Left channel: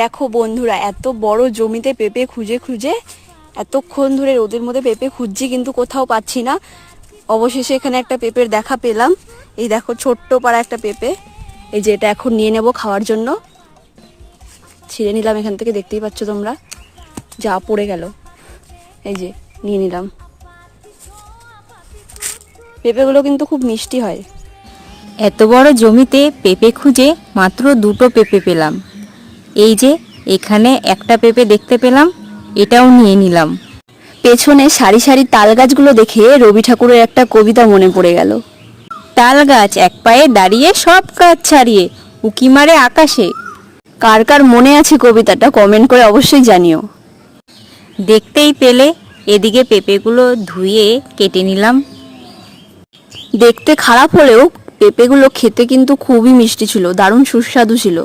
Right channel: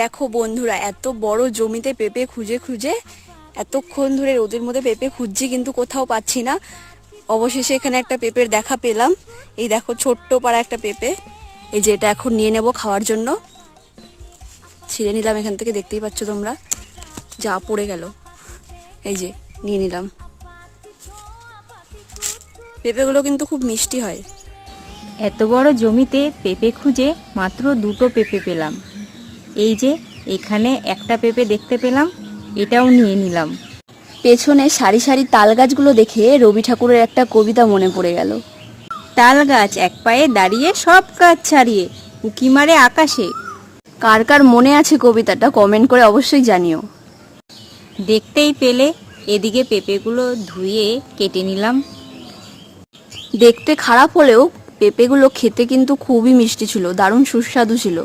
দেখো বন্ধুরা, এত বড় জমিতে পেঁপে খুঁজে খুঁজে এতক্ষণ ধরে রোদের মধ্যে পেঁপে খুঁজছি, কিন্তু কোথাও পাচ্ছি না। অবশেষে এখানে একটা পেঁপের দেখা পেলাম। এই দেখো, ছোট্ট পাড়া একটা পেঁপে। এই যে এটা এখন নিয়ে নেব খাওয়ার জন্য। ছিঁড়ে নিলাম এখান থেকে, দেখতেই পাচ্ছ তোমরা, যা পড়ে গেল। এই যে নিয়ে নিলাম। পেঁপেগুলো কিন্তু খুব মিষ্টি হয়। এত বড় জমিতে পেঁপে খুঁজে মাত্র দুটো পেঁপে পেলাম। এই যে এখানে একটা পেঁপে দেখতে পেলাম, এটাও নিয়ে নিলাম। পেছনে সারি সারি তাল গাছগুলো দেখে রবি ঠাকুরের একটা কবিতা মনে পড়ে গেল। তাল গাছ এক পায়ে দাঁড়িয়ে সব কাজ ছাড়িয়ে উকি মারে আকাশে। কার কার মনে আছে কবিতাটা কমেন্ট করে অবশ্যই জানিও। দেখতেই পেলে এদিকে পেঁপেগুলো ধুয়ে কেটে নিলাম। দেখতে খারাপ হলেও পেঁপেগুলো খেতে কিন্তু খুবই মিষ্টি ছিল, দারুণ সুস্বাদু ছিল।